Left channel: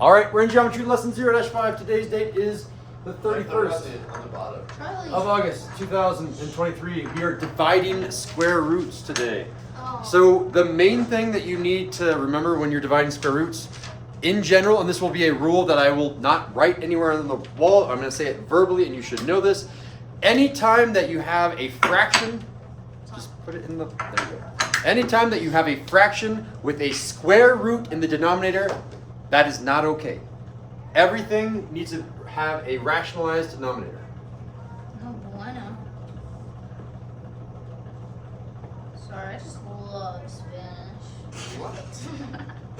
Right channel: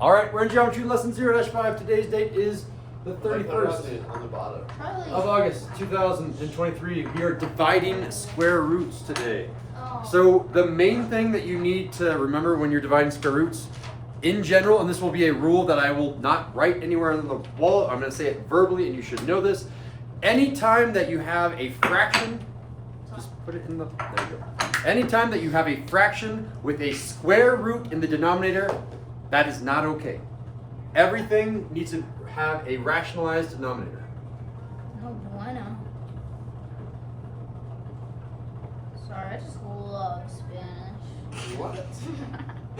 All right, we're in Geometry Lesson 0-5. Today's date is the 31st On the bottom. of August, 2023. We are dividing square roots today. Oh. So the main thing that you need to remember when you're dividing square roots, in general, and this will be a rule that I will not write anywhere on the wall, I'm going to say it verbally, and you should know this. Anytime that you have a fraction, just put it in the, there you go. Anytime that you have a fraction with a square root in the denominator, that is not okay. Everything needs to have a rationalized denominator. Oh, bueno. Sorry, I just love Spanish. What?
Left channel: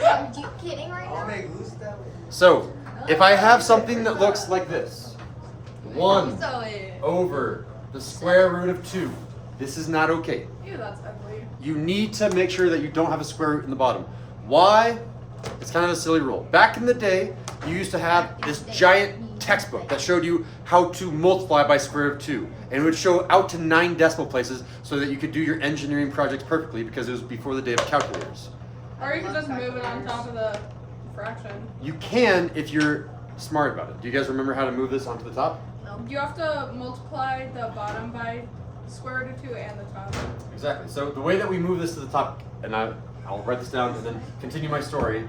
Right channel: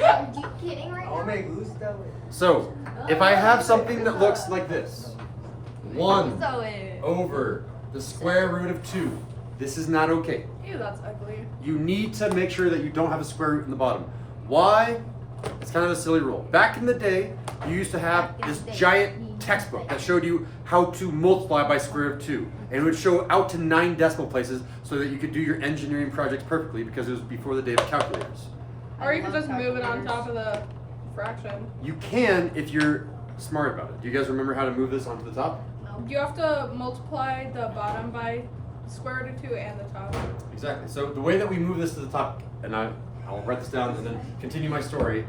Are you kidding right Oh, now? me gusta. So, if I have something that looks like this, 1 So it. over the square root of 2, this is not okay. Ew, that's ugly. You need to make sure that you don't have a square root in the bottom. Why? It's kind of a silly rule. Back in the day, you used to have this giant textbook that showed you how to multiply by square root of 2. And it would show out to 9 decimal places so that you could do your engineering projects perfectly because it was before the day of calculators. Or you can just move it on top of the fraction. You can if you're smart about it. Do you guys remember how to move this onto the top? You have to multiply the bottom by square root of 2 and the top. Exactly. So the way that we move this to the top, and I'll write this down and then continue my story,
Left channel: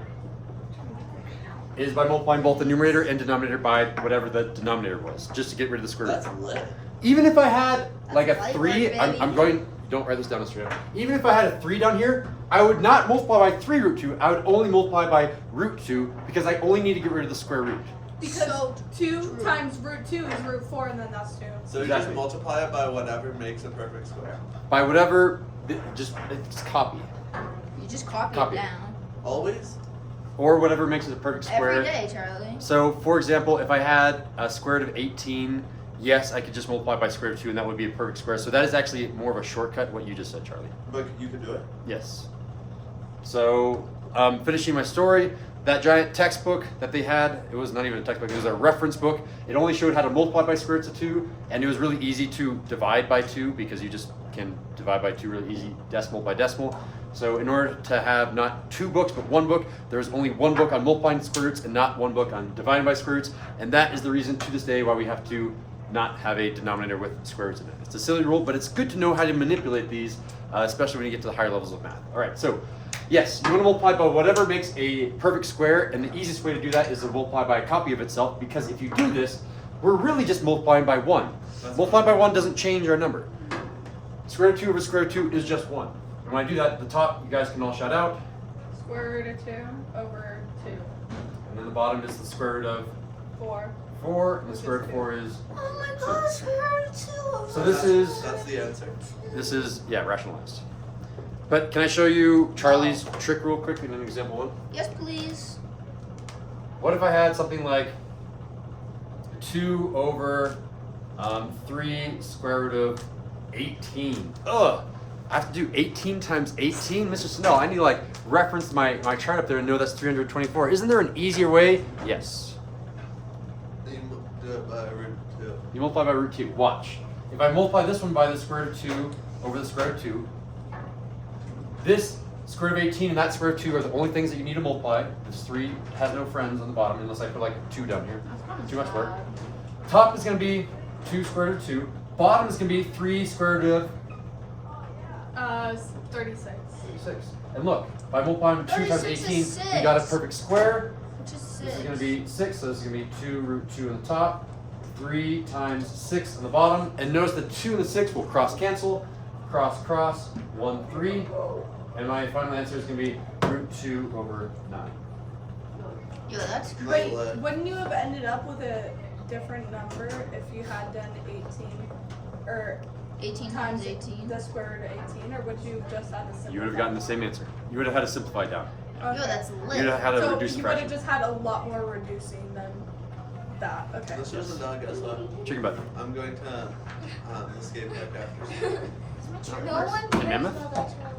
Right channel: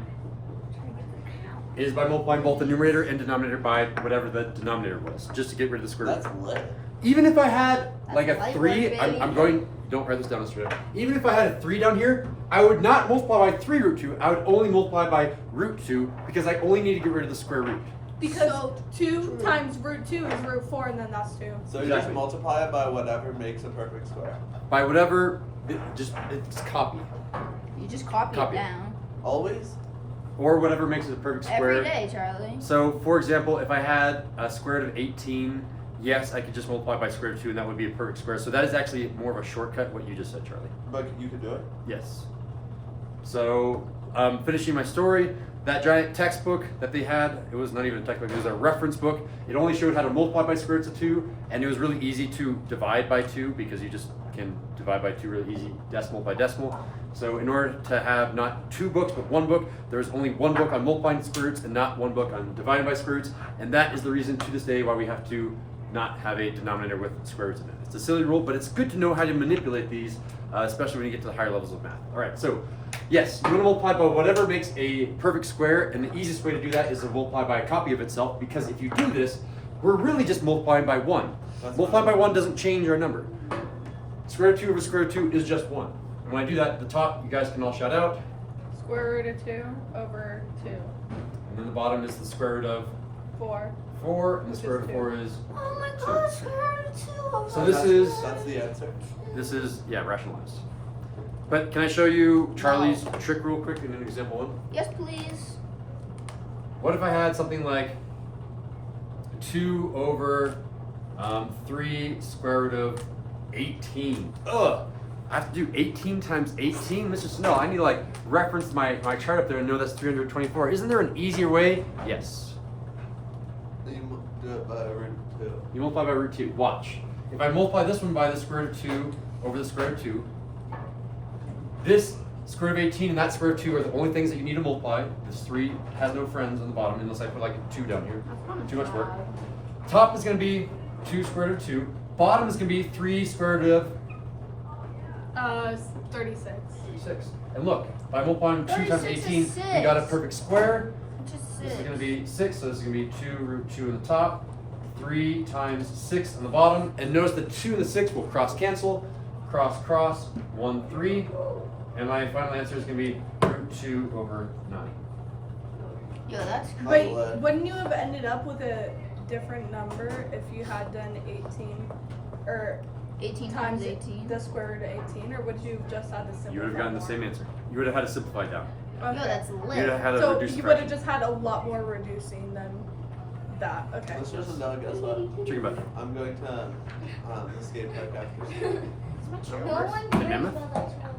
is by multiplying both the numerator and denominator by whatever the denominator was, just to get rid of the square root. That's lit. Even if I had like a That's 3, light work, I'm baby. going, don't write this down straight. Even if I had a 3 down here, I would not multiply by 3 root 2. I would only multiply by root 2 because I only need to get rid of the square root. Because So 2 true. times root 2 is root 4, and then that's 2. So you Exactly. just multiply it by whatever makes a perfect square. By whatever, just copy. You just copy Copy. it down. Always? Or whatever makes it a perfect square. Every day, Charlie. So, for example, if I had a square root of 18, yes, I could just multiply by square root of 2 and that would be a perfect square. So that is actually more of a shortcut, what you just said, Charlie. But you could do it. Yes. So, finishing my story, that giant textbook that they had, it was not even a textbook, it was a reference book. It only showed how to multiply by square roots of 2, and it was really easy to divide by 2 because you just can divide by 2 really easy, decimal by decimal. So in order to have not 2 books but 1 book, there's only 1 book on multiplying square roots and not 1 book on dividing by square roots, and that is the reason to this day why we have to not have a denominator with square roots in it. It's a silly rule, but it's good to know how to manipulate these, especially when you get to the higher levels of math. All right, so yes, you want to multiply by whatever makes a perfect square, and the easiest way to do that is to multiply by a copy of itself, because if you do this, we're really just multiplying by 1. Multiplying by 1 doesn't change our number. Square root of 2 over square root of 2 is just 1. And when I do that at the top, you guys can all shout out. Square root of 2 over 2. And then the bottom is the square root of 4. 4, and the square root of 4 is Oh my gosh, square root of 2. So this is That's the answer. rationalized. But can I show you Charlie's trick real quick in an example 1? Yes, please. What if I had something like 2 over 3 square root of 18? Ugh! I have to do 18 times 18? Mr. Snell, I need to like reference my chart up there and know that's 324. Isn't there an easier way? Yes. You do it by root 2. You multiply by root 2. Watch. If I multiply this one by the square root of 2 over the square root of 2, this square root of 18 and that square root of 2 are the only things that you need to multiply. This 3 has no friends on the bottom unless I put like a 2 down here. Too much work. Top is going to be 2 square root of 2. Bottom is going to be 3 square root of 36. 36. And look, by multiplying 2 times 36 18, is we got a 6. perfect square. Which is This is 6. going to be 6, so this is going to be 2 root 2 on the top, 3 times 6 on the bottom. And notice the 2 and the 6 will cross cancel. Cross, cross, 1, 3. And my final answer is going to be root 2 over 9. Yo, that's That's Wait, lit. wouldn't you have ended up with a different number if you had done 18 or 18 times 18. the square root of 18, or would you have just had a simple? You would have gotten the same answer. You would have had to simplify down. Yo, Okay. that's You would lit. have had to So reduce you would have fraction. just had a lot more reducing than that. Okay. This is another guess though. Chicken butt. I'm going to escape right after. No one A cares mammoth? about that child.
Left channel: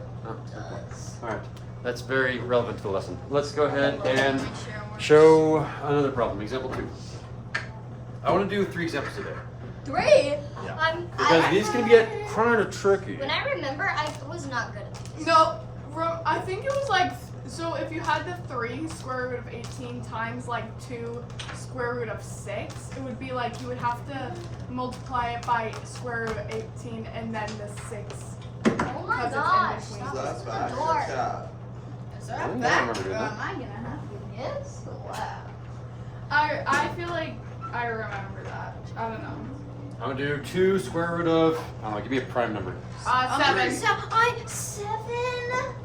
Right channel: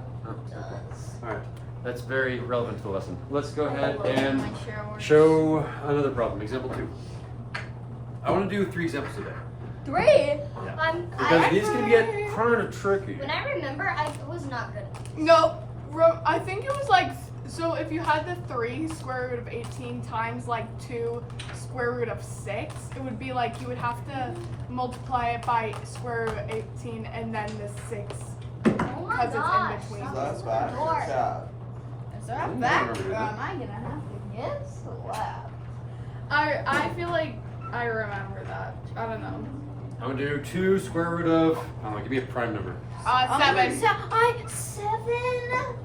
Does. Alright, that's very relevant to the lesson. Let's go ahead and Make sure. show another problem. Example 2. I want to do 3 examples today. 3. Because these can get kind of tricky. When I remember, I was not good at these. No, I think it was like So if you had the 3 square root of 18 times like 2 square root of 6, it would be like you would have to multiply it by square root of 18 and then the 6. Oh my Because it's in gosh. between. Stop So that's opening bad. the Good door. job. Is I that don't back? remember Or that. am I gonna have you guess? Wow. I feel like I remember that. I don't know. I'm gonna do 2 square root of. I don't know. Give me a prime number. 7. 7.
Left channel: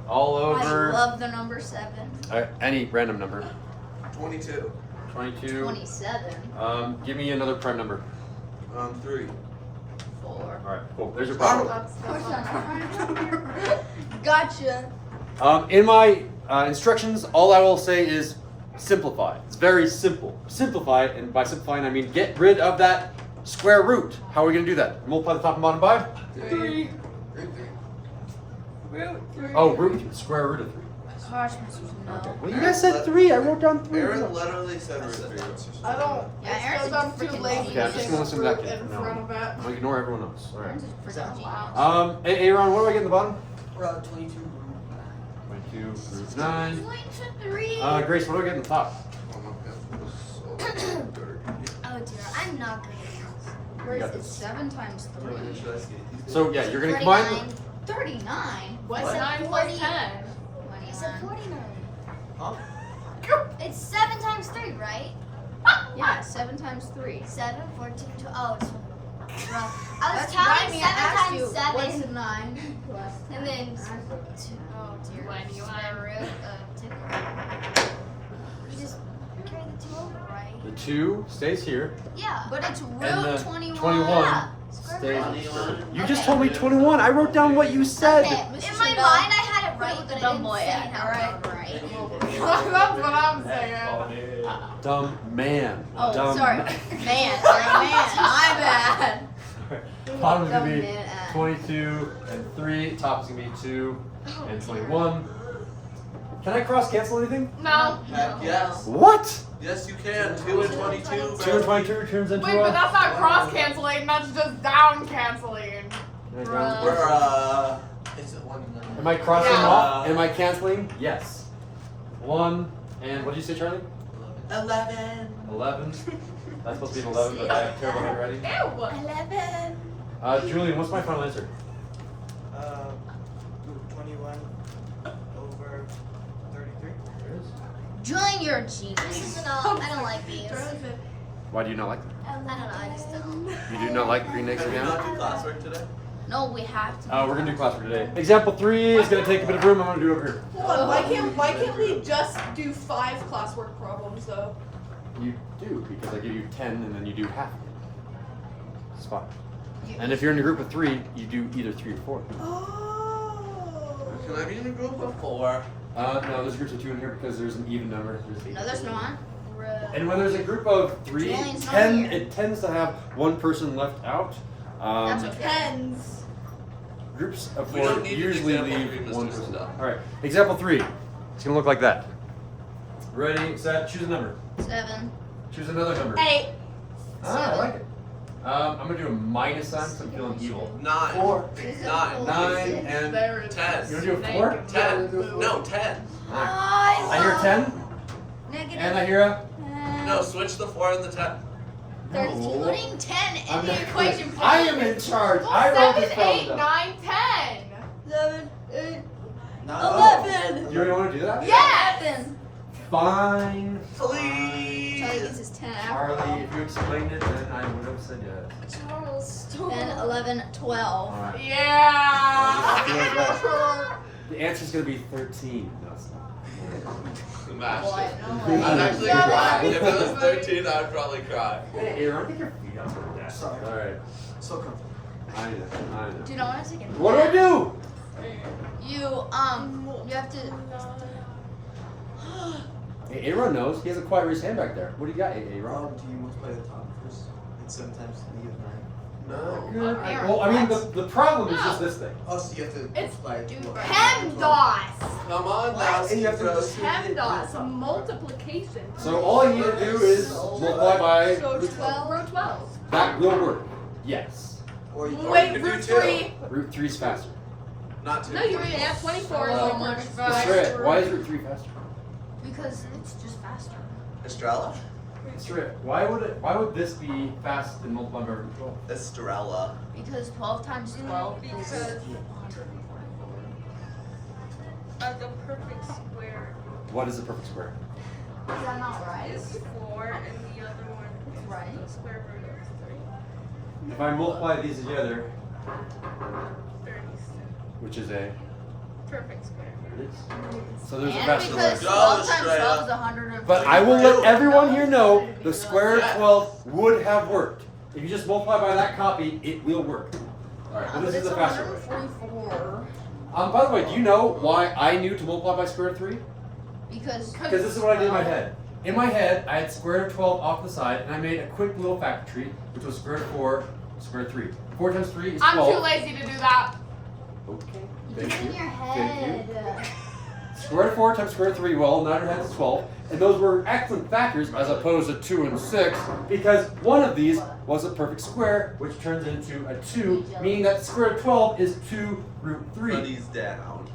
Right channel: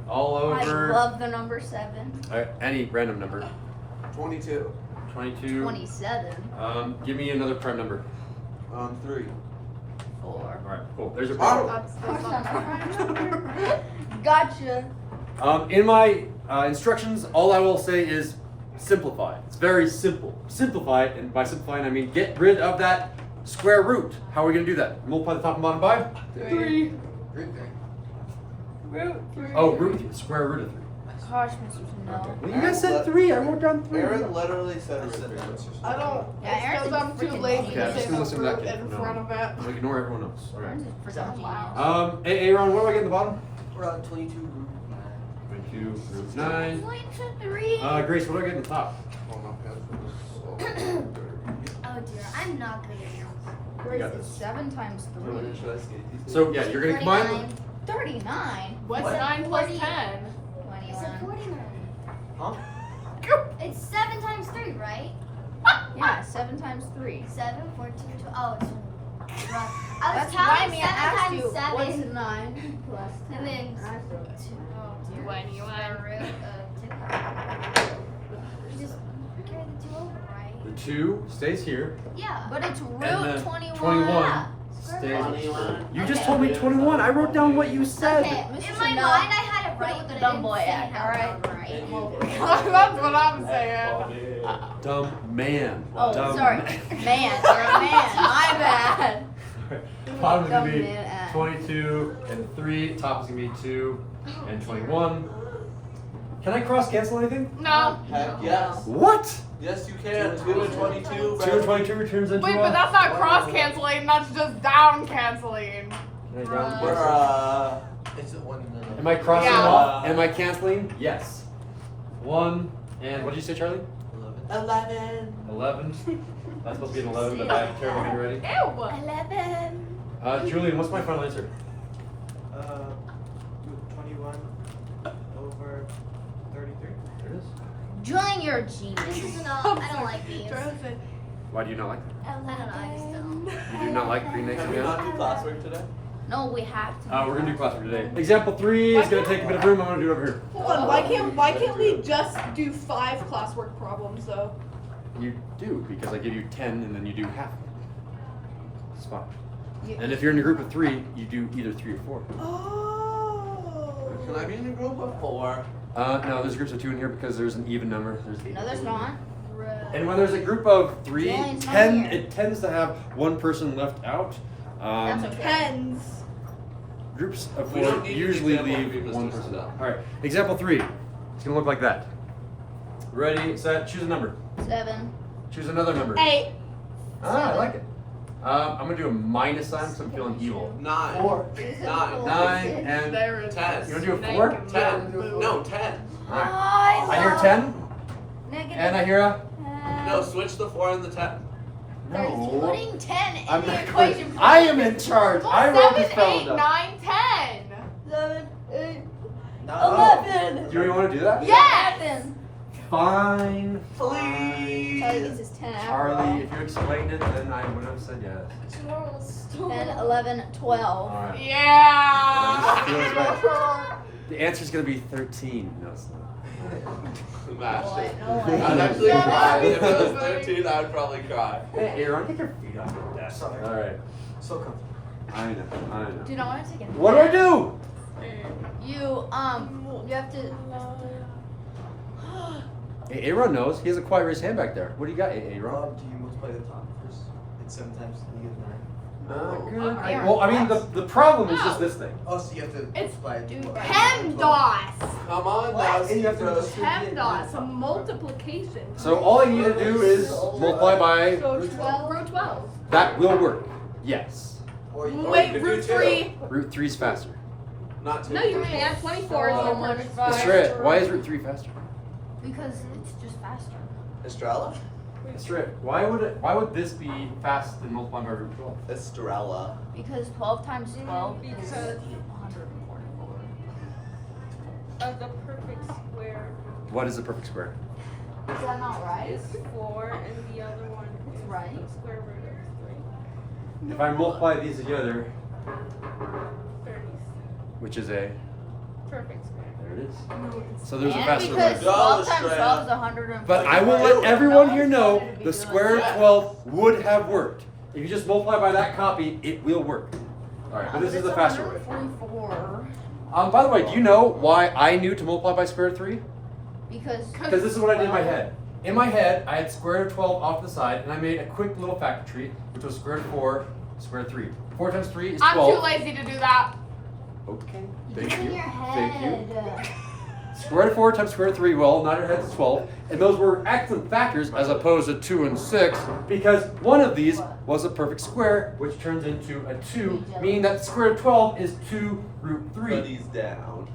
All I over. love the number 7. Any random number. 22. 22. 27. Give me another prime number. 3. 4. All right, cool. There's your prime. Gotcha. In my instructions, all I will say is simplify. It's very simple. Simplify, and by simplifying, I mean get rid of that square root. How are we going to do that? Multiply the top and bottom by? 3. Oh, root. Square root of 3. Gosh, Mr. Okay. No. Well, you guys said 3. I wrote down 3. Aaron literally said root 3. I don't. Yeah, Aaron's because I'm too freaking lazy genius. Yeah, I'm just gonna listen to that in tape from now front of it. I'll ignore everyone else. All right. Aaron's just freaking genius. Aaron, what do I get in the bottom? 22. 22 root 9. 23. Grace, what do I get in the top? Oh dear, I'm not good at this. You got It's this. 7 times 3. Should I see it? So, yeah, you're going to combine 39. 39. What's I said 9 40. plus 10? I said 49. Huh? It's 7 times 3, right? Yeah, 7 times 3. 7, 14, 12. Oh, it's rough. I was That's counting why 7 I asked you, times 7. What's 9 plus And then 2. 9? Oh dear. When you Square root of 2. You just carry the 2 over, right? the 2 stays here. Yeah. But it's root And then 21. 21 Yeah. Square stays. root. 21. You just Okay. told me 21. I wrote down what you said. Okay, in my mind I had it right, but I didn't say it out Alright. loud right. That's what I'm saying. Dumb man. Oh, Dumb sorry. man. Man, my bad. Bottom is going to be Dumb man. 22 and 3. Top is going to be 2 and 21. Can I cross cancel anything? No. Heck yes. What? Yes, you can. 2 and 22. 2 and 22 returns into Wait, but a. that's not cross canceling. That's just down canceling. There you go. We're, is it 1 minute? Am I crossing Yeah. off? Am I canceling? Yes. 1 and what did you say, Charlie? 11. 11. That's supposed to be an 11, but I have terrible handwriting. Ew. 11. Julian, what's my final answer? 21 over 33. There it is. Julian, you're a genius. This is enough. I don't like these. Why do you not like that? I don't know. I just don't. You do not like green next Have we again? not do classwork today? No, we have to. We're gonna do classwork today. Example 3 is gonna take a bit of room. I'm gonna do it over here. Hold on. Why can't we just do 5 classwork problems though? You do because I give you 10 and then you do half. It's fine. And if you're in a group of 3, you do either 3 or 4. Oh. Can I be in a group of 4? No, there's groups of 2 in here because there's an even number. There's 8. No, there's not. And when there's a group of 3, Julian's not 10 here. it tends to have one person left out. That's okay. Pens. Groups of We 4 don't need an usually example, leave we just one use person it out. up. All right, example 3. It's gonna look like that. Ready, set, choose a number. 7. Choose another number. 8. Ah, I like it. I'm gonna do a minus sign because I'm feeling evil. 9. 4. 9. 9 and There is 10. you wanna do a 4? 10. No, 10. All right. I hear 10 and I hear a. No, switch the 4 and the 10. There's No. putting 10 in I'm the not- equation. I am in charge. I wrote this 7, problem 8, down. 9, 10. 7, 8, No. 11. Do you want to do that? Yes. Fine. Please. Charlie gets his 10 after Charlie, if you explained it, then I would have said yes. Charles, 10, 11, 12. All right. Yeah. Feels bad. The answer's gonna be 13. No, it's not. Smash it. What? I'd actually Yeah. cry. If it was 13, I'd probably cry. Hey, Aaron, get your feet off the desk. All right. So comfortable. I know. Do you know what I take? What do I do? You have to. Hey, Aaron knows. He has a quiet raised hand back there. What do you got, Aaron? Do you multiply the top first? It's sometimes negative 9. No. Good. Aaron, Well, I mean, what? the problem is just this thing. Oh, so you have to It's multiply. PEMDAS. Come on now, And you have to Steve. PEMDAS. A multiplication. So all I need to do is multiply by. So 12. Root 12. That will work. Yes. Or you Or you Wait, could do root 2. 3. Root 3's faster. Not 2. No, you can't. 24 is so much Let's faster. try it. Why is root 3 faster? Because it's just faster. Estrella? Let's try it. Why would this be fast than multiplying by root 12? Estrella. Because 12 times 12 is Because- 144. As a perfect square What is a perfect square? Is that not right? is 4, and the other one is Right. the square root of If I multiply these together, 3. 30. which is a, Perfect square. there it is. So there's a And faster because way. 12 times Straight 12 up. is 144. But I will let everyone here know the square root of 12 would have worked. If you just multiply by that copy, it will work. Alright, but this is the faster way. 144. By the way, do you know why I knew to multiply by square root of 3? Because Because this is what I did in my head. In my head, I had square root of 12 off to the side, and I made a quick little factor tree, which was square root of 4, square root of 3. 4 times 3 is I'm 12. too lazy to do that. Okay, it's thank in you. your head. Thank you. Square root of 4 times square root of 3, well, nod your heads is 12. And those were excellent factors as opposed to 2 and 6, because one of these was a perfect square, which turns into a 2, meaning that the square root of 12 is 2 root 3. Buddy's down.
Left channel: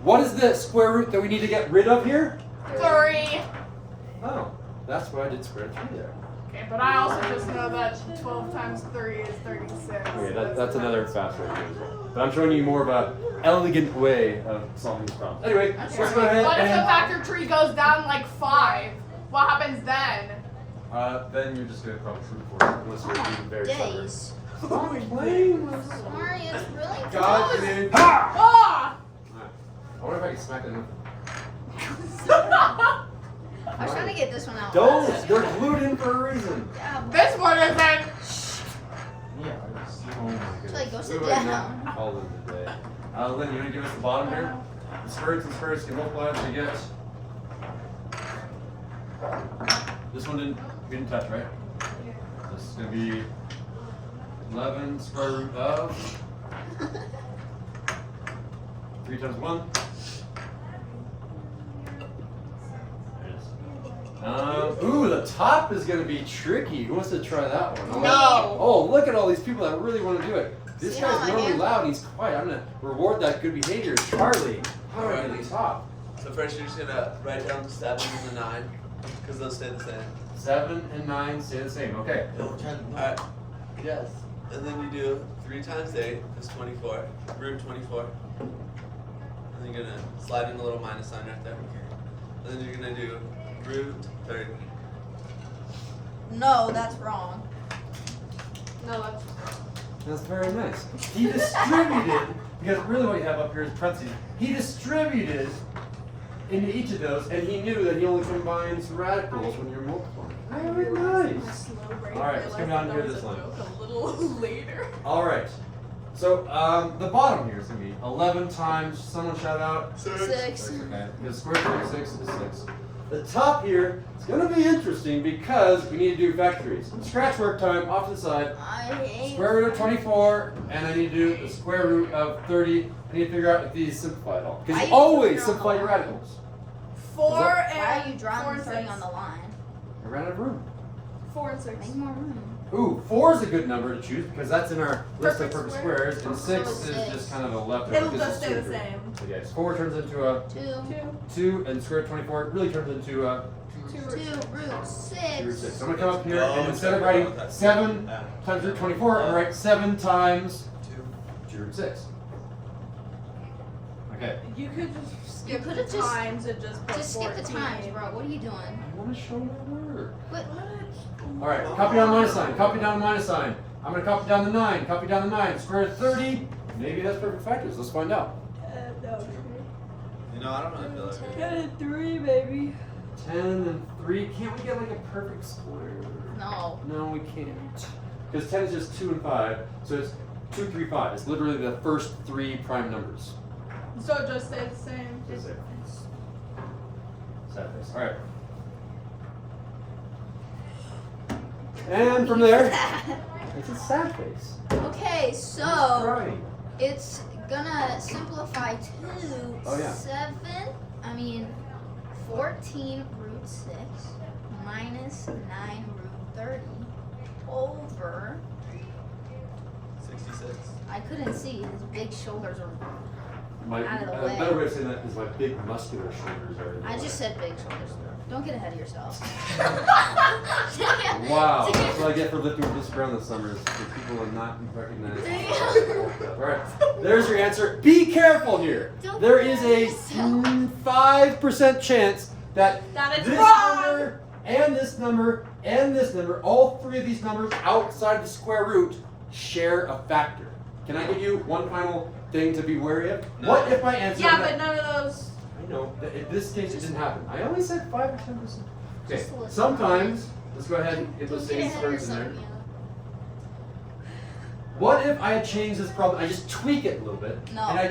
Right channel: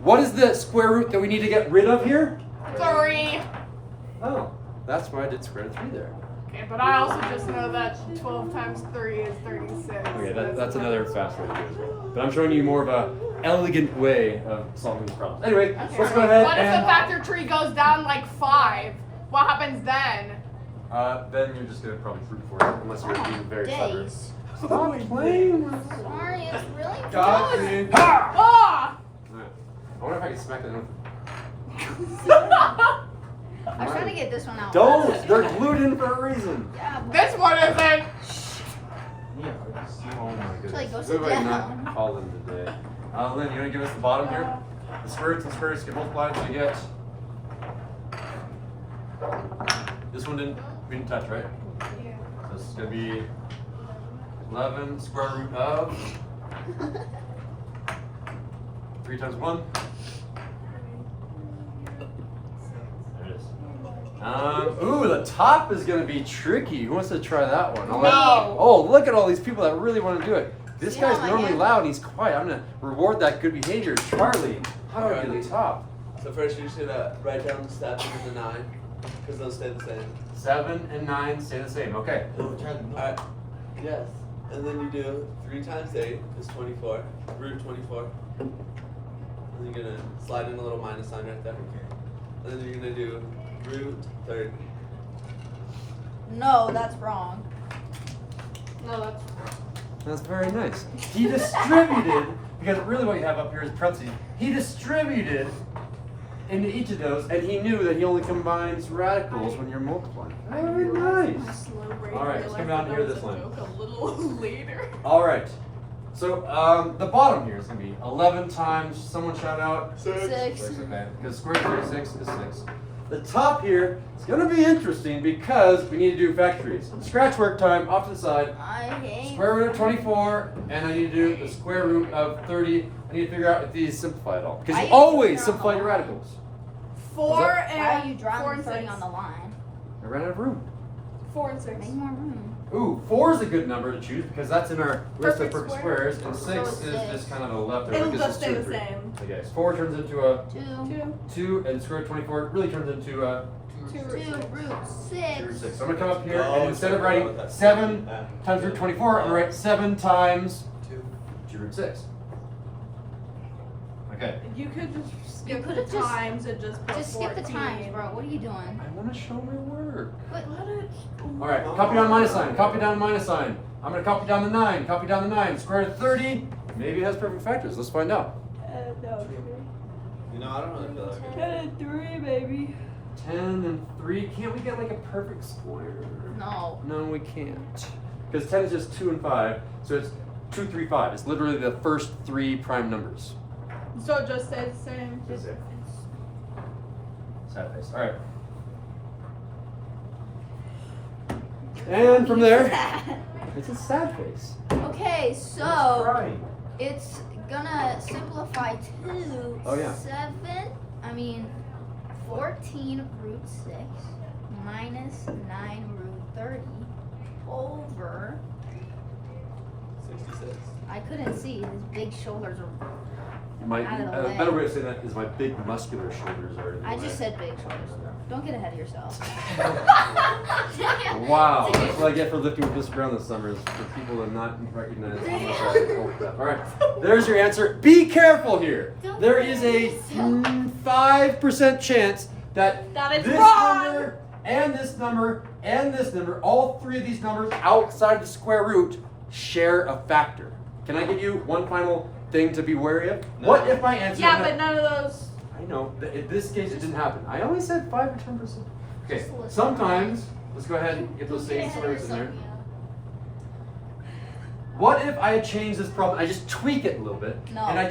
What is the square root that we need to get rid of here? 3. Oh, that's why I did square root of 3 there. Okay, but I also just know that 12 times 3 is 36. Okay, that's another fast way to do it as well. But I'm showing you more of a elegant way of solving these problems. Anyway, Okay. let's go ahead What if the and factor tree goes down like 5? What happens then? then you're just gonna probably root for it unless you're being very clever. Days. Stop playing. Sorry, it's really God, close. dude. Ah! I wonder if I can smack it in. I was trying to get this one out. Don't! They're glued in for a reason. This one isn't. Yeah. Oh my goodness. like, go Who sit have I down. not called in today? Lynn, you want to give us the bottom here? The square roots and square roots get multiplied and we get. This one we didn't touch, right? This is going to be 11 square root of 3 times 1. There it is. Ooh, the top is going to be tricky. Who wants to try that one? No. Oh, look at all these people that really want to do it. This See guy's how I normally did? loud and he's quiet. I'm going to reward that good behavior. Charlie, how do I do the top? So first you're just gonna write down the 7 and the 9, because those stay the same. 7 and 9 stay the same. Okay. Alright. Yes. And then you do 3 times 8 is 24, root 24. And then you're gonna slide in a little minus sign right there. And then you're gonna do root 30. No, that's wrong. No, that's wrong. That's very nice. He distributed, because really what you have up here is parentheses. He distributed into each of those, and he knew that he only combines radicals when you're multiplying. Very nice. All right, let's come down here to this one. A little later. All right. So the bottom here is going to be 11 times, someone shout out. 6. Okay, because square root of 6 is 6. The top here is going to be interesting because we need to do factories. Scratch work time off to the side. I hate. Square root of 24, and I need to do the square root of 30. I need to figure out if these simplify at all. Because you always simplify your radicals. 4 What's that? Why are you and 4 drawing and 30 6. on the line? I ran out of room. 4 and 6. Make more room. Ooh, 4 is a good number to choose because that's in our list of Perfect perfect squares. squares, and 6 So is six. just kind of a leftover It'll because just it's stay 2 the and 3. same. Okay, so 4 turns into a 2. 2, and square root of 24 really turns into a 2 root 6. 2 root 6. So I'm going to come up here, Oh, and it's instead of gonna go writing with that. 7 times root 24, I'm going to write 7 times 2 root 6. Okay. You could just skip the could've just- times and just put Just skip the 14. times, bro. What are you doing? I want to show my work. What? All right, copy down minus sign, copy down minus sign. I'm going to copy down the 9, copy down the 9. Square root of 30, maybe it has perfect factors. Let's find out. No, You know, I don't really feel like it. 3, baby. 10 and 3, can't we get like a perfect square? No. No, we can't. Because 10 is just 2 and 5, so it's 2, 3, 5. It's literally the first 3 prime numbers. So it just stays the same. That's it. Sad face. All right. And from there, it's a sad face. Okay, It's so crying. it's gonna simplify to Oh, yeah. 14 root 6 minus 9 root 30 over 66. I couldn't see. His big shoulders are. My Out of the a way. better way of saying that is my big muscular shoulders are in the I way. just said big shoulders. Don't get ahead of yourself. Wow, that's what I get for lifting with this around this summer is for people to not recognize how much I bulked up. All right, there's your answer. Be careful here. Don't There get is ahead a of yourself. 5% chance that That is this wrong. number and this number and this number, all three of these numbers outside the square root, share a factor. Can I give you one final thing to be wary of? No. What if my answer? Yeah, but none of those. I know. In this case, it didn't happen. I only said 5 or 10%. Okay. Just listen. Sometimes, let's go ahead and get Don't those get same ahead of slurs in yourself, there. Mia. What if I had changed this problem? I just tweak it a little bit, No. and I I'm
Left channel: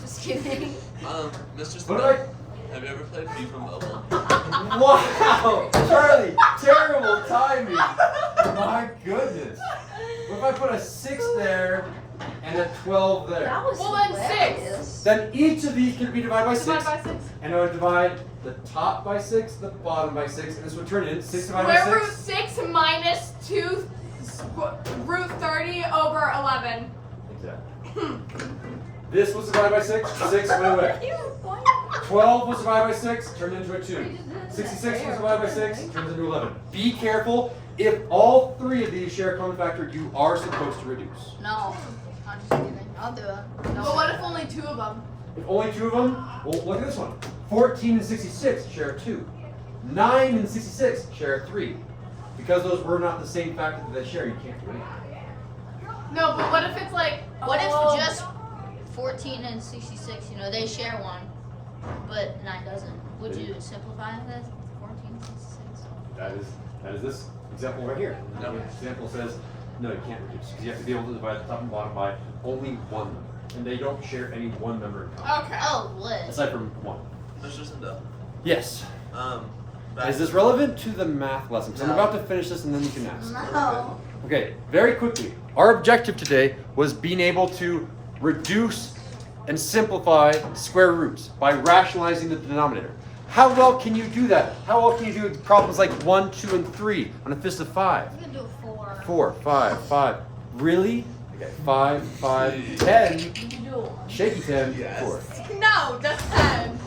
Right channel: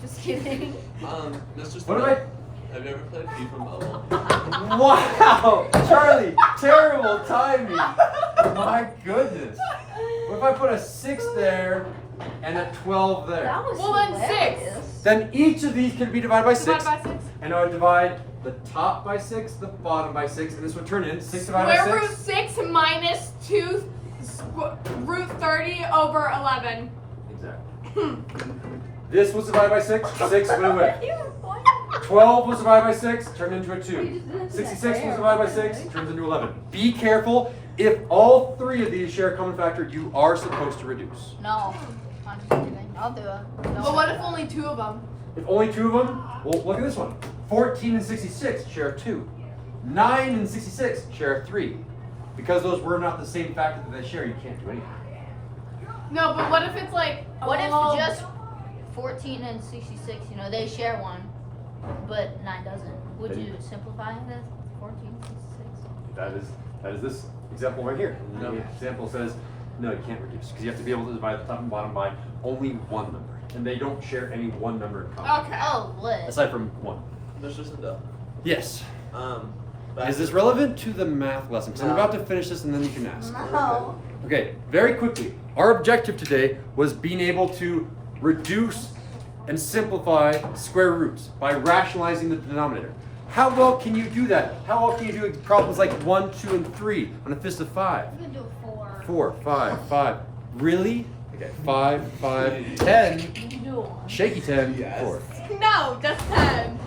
just kidding. Mr. What Smith, if have you ever played FIFA Mobile? Wow, Charlie, terrible timing. My goodness. What if I put a 6 there and a 12 there? That was Well, then hilarious. Then each of these could be divided by 6, Divide by 6. and I would divide the top by 6, the bottom by 6, and this would turn in 6 divided by Square 6. root 6 minus 2 root 30 over 11. Exactly. This was divided by 6, 6 went away. 12 was divided by 6, turned into a 2. 66 was divided by 6, turns into 11. Be careful. If all three of these share a common factor, you are supposed to reduce. No, I'm just kidding. I'll do it. No. But what if only 2 of them? If only 2 of them, well, look at this one. 14 and 66 share a 2. 9 and 66 share a 3. Because those were not the same factor that they share, you can't do anything. No, but what if it's like. What oh, if just 14 and 66, you know, they share one, but 9 doesn't? Would Then- you simplify that? 14 and 66? That is this example right here. And No. the example says, no, you can't reduce. Because you have to be able to divide the top and bottom by only one number. And they don't share any one number in common. Okay. Oh, what? Aside from 1. Mr. Sindel. Yes. Back- Is this relevant to the math lesson? Because I'm No. about to finish this and then you can ask. No. Okay, very quickly. Our objective today was being able to reduce and simplify square roots by rationalizing the denominator. How well can you do that? How well can you do problems like 1, 2, and 3 on a fist of 5? I'm gonna do a 4. 4, 5, 5. Really? Okay, 5, 5, 10. You can do a 1. Shaky 10, Yes. 4. No, just 10.